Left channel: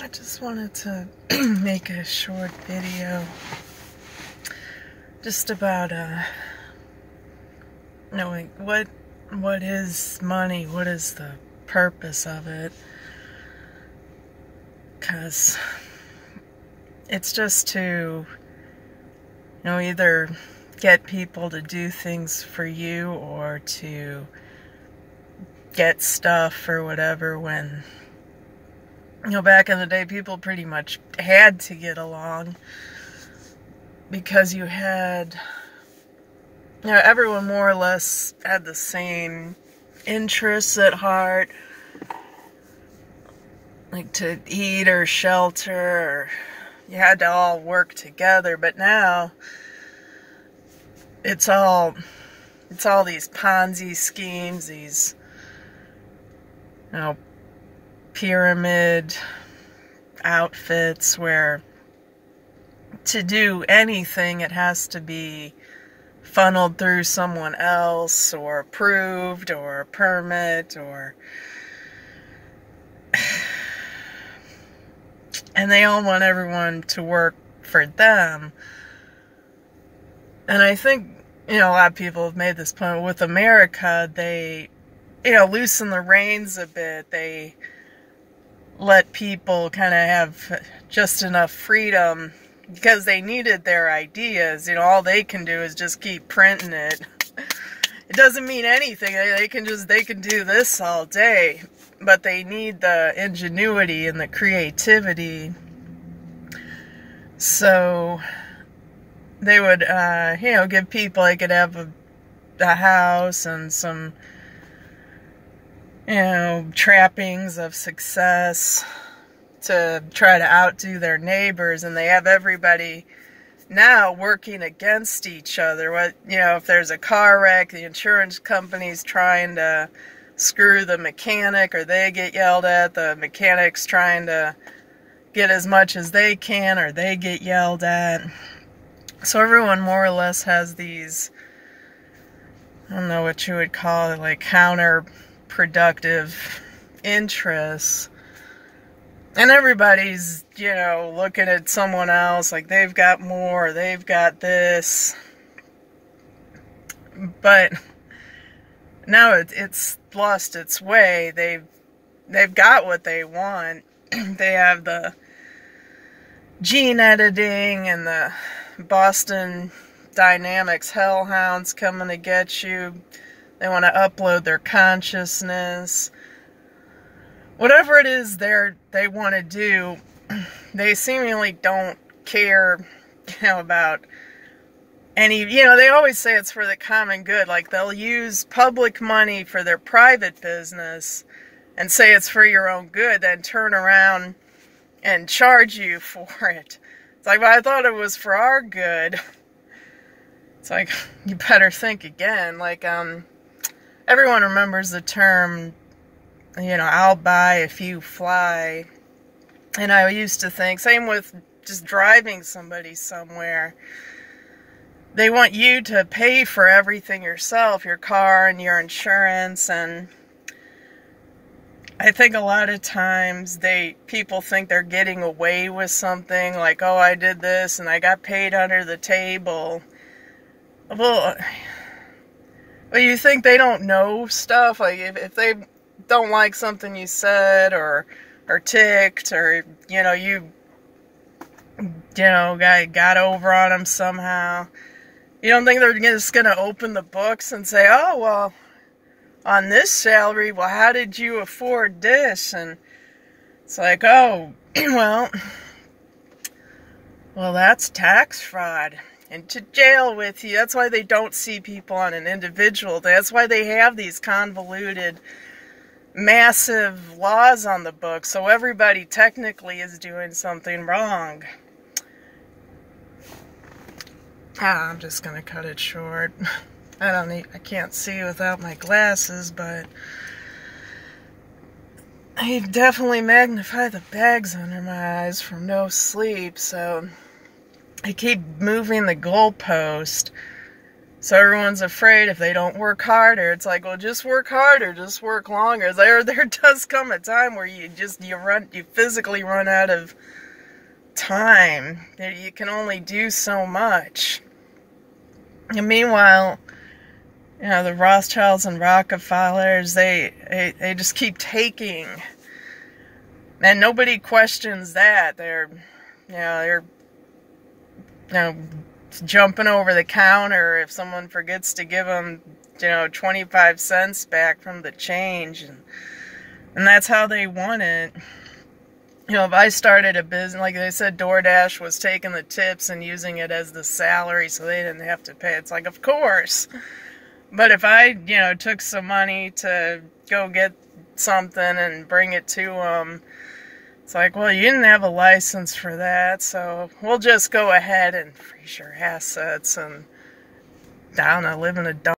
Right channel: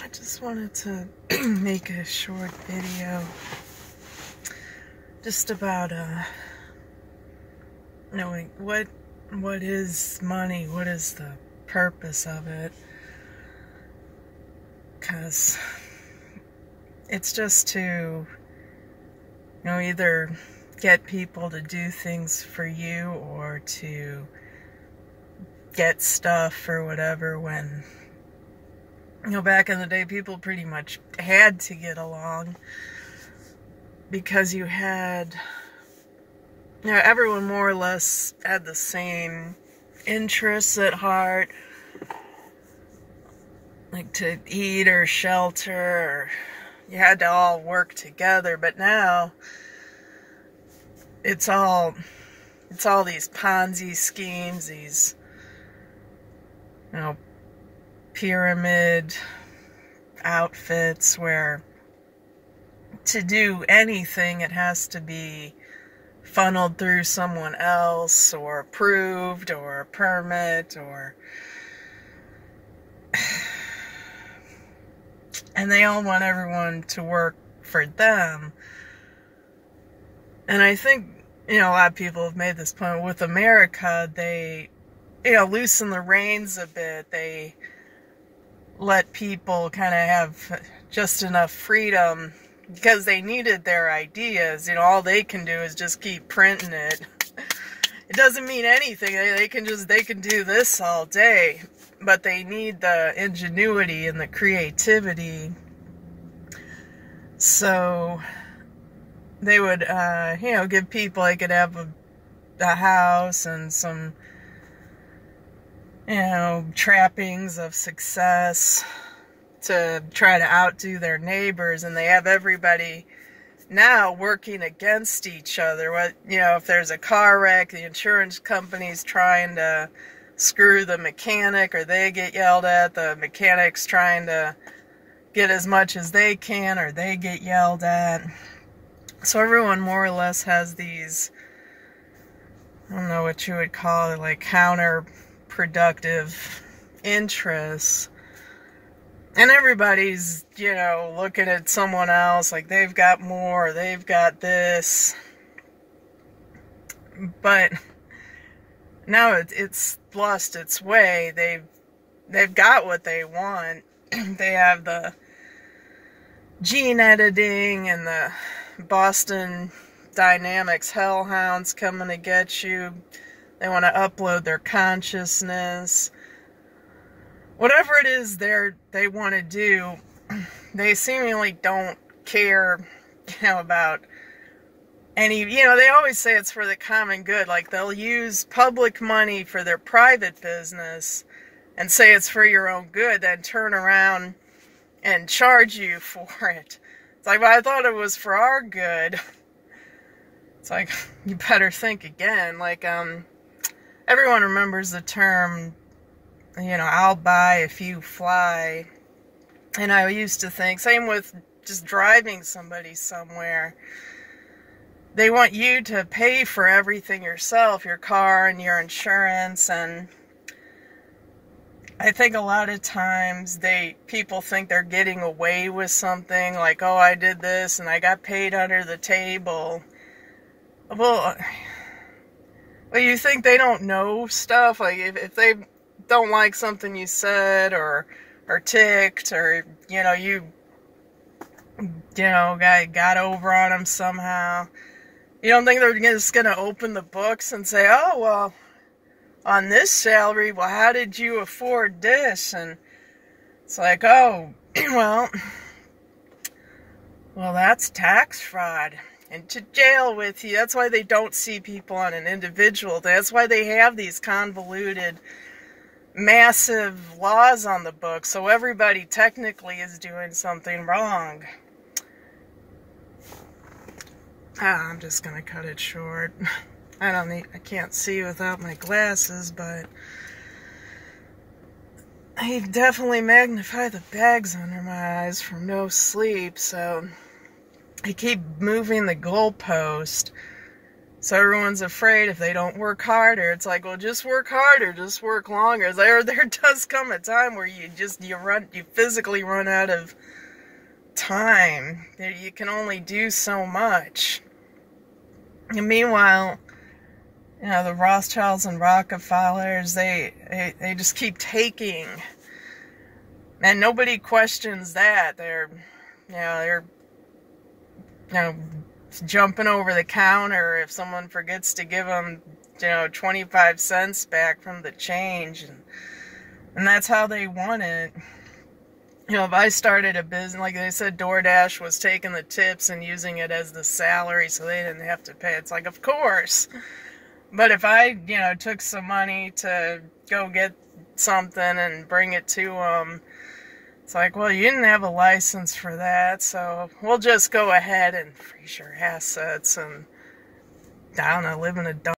I just wanted to make a short video just about knowing what is money, what is the purpose of it, because it's just to either get people to do things for you or to get stuff or whatever. When back in the day, people pretty much had to get along because you had everyone more or less had the same interests at heart, like to eat or shelter, or you had to all work together. But now it's all these Ponzi schemes, these pyramid outfits where to do anything it has to be funneled through someone else or approved or a permit, and they all want everyone to work for them. And I think a lot of people have made this point with America. They loosen the reins a bit. They let people kind of have just enough freedom because they needed their ideas. All they can do is just keep printing it. It doesn't mean anything. They can do this all day, but they need the ingenuity and the creativity. So they would, give people, they could have a house and some trappings of success to try to outdo their neighbors, and they have everybody now working against each other. If there's a car wreck, the insurance company's trying to screw the mechanic, or they get yelled at. The mechanic's trying to get as much as they can, or they get yelled at. So everyone more or less has these, I don't know what you would call it, like counterproductive interests. And everybody's, looking at someone else like they've got more, they've got this. But now it's lost its way. They've got what they want. They have the gene editing and the Boston Dynamics hellhounds coming to get you. They want to upload their consciousness. Whatever it is they want to do, they seemingly don't care, about any, they always say it's for the common good. Like, they'll use public money for their private business and say it's for your own good, then turn around and charge you for it. It's like, well, I thought it was for our good. It's like, you better think again. Like, everyone remembers the term, I'll buy if you fly. And I used to think, same with just driving somebody somewhere. They want you to pay for everything yourself, your car and your insurance. And I think a lot of times people think they're getting away with something, like, oh, I did this and I got paid under the table. Well, you think they don't know stuff? Like, if they don't like something you said, or ticked, or you got over on them somehow, you don't think they're just gonna open the books and say, oh, well, on this salary, well, how did you afford this? And it's like, oh, well, that's tax fraud. And to jail with you. That's why they don't see people on an individual. That's why they have these convoluted, massive laws on the books, so everybody technically is doing something wrong. I'm just gonna cut it short. I can't see without my glasses, but I definitely magnify the bags under my eyes from no sleep, so I keep moving the goalpost. So everyone's afraid if they don't work harder. It's like, well, just work harder, just work longer. There does come a time where you physically run out of time. You can only do so much. And meanwhile, the Rothschilds and Rockefellers, they just keep taking, and nobody questions that. They're jumping over the counter if someone forgets to give them 25 cents back from the change, and that's how they want it. If I started a business, like they said, DoorDash was taking the tips and using it as the salary so they didn't have to pay. It's like, of course. But if I, took some money to go get something and bring it to them, it's like, well, you didn't have a license for that, so we'll just go ahead and freeze your assets and, live in a dump.